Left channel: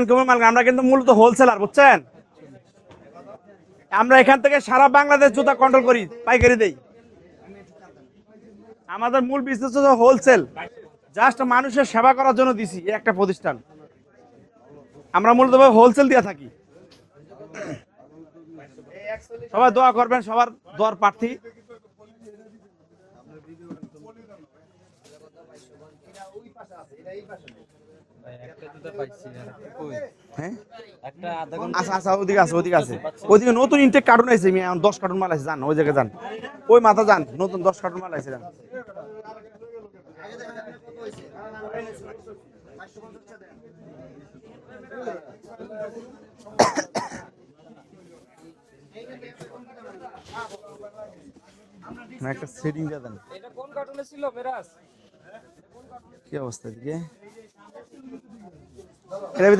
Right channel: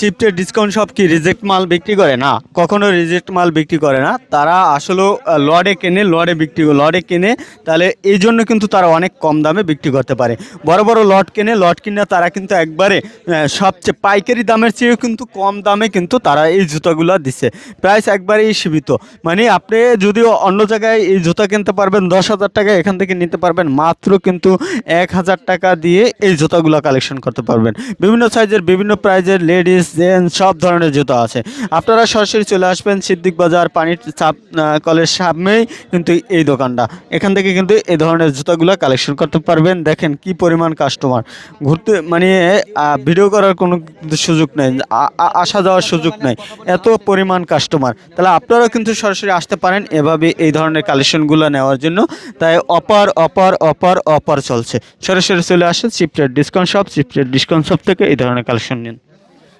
চিপটে discount সব কি reject মাল বিক্রি করে? না কখনো রিজেক্ট মাল বিক্রি করে না। তারা আসলে লড়ে কিনে লড়ে বিক্রি লড়ে কিনে তাহলে এই জন্য কিন্তু তারা অনেক কম দামে বিক্রি করতে পারে। বড় বড় লট কিনে লট কিনে তারা কিন্তু একবারে। আহ, সবচেয়ে পাইকারি দামের চেয়েও কিন্তু কম দামে কিন্তু তারা এই জুতাগুলো দিচ্ছে প্রাইস একবারেই সীমিত। মানে আপনি যদিও অন্য জায়গায় এই জুতা কিনতে পারবেন দশ হাজার টাকা এখান থেকে নিতে পারবেন মাত্র কিন্তু এক হাজার টাকা দিয়ে এই জুতাগুলো কালেকশন করতে পারবেন। বিভিন্ন সাইজের বিভিন্ন প্রাইজের লেডিস জেন্টস সব ধরনের জুতা আছে। আপনারা সরাসরি চলে আসবেন সিদ্দিক বাজার পানি কলের সামনেই কিন্তু এই দোকানটা। এখান থেকে কিন্তু এই ধরনের জুতাগুলো কালেকশন করতে পারবেন। দেখেন কি পরিমাণ কাস্টমার ঘুরতে মানে ভিডিও করার কোনো সুযোগ নেই। আসা যাওয়ার সুযোগ নেই। এত পরিমাণ কাস্টমার তাহলে আপনারাও কিন্তু সরাসরি আসতে পারেন এভাবে এই ধরনের কালেকশনগুলো নেওয়ার জন্য। তাই অপার অপার অপার অপার চলছে। সরাসরি চলে আসেন চিপটের ডিসকাউন্ট শপ চিপটের ডিসকাউন্ট শপ থেকে এই ধরনের কালেকশন নিন।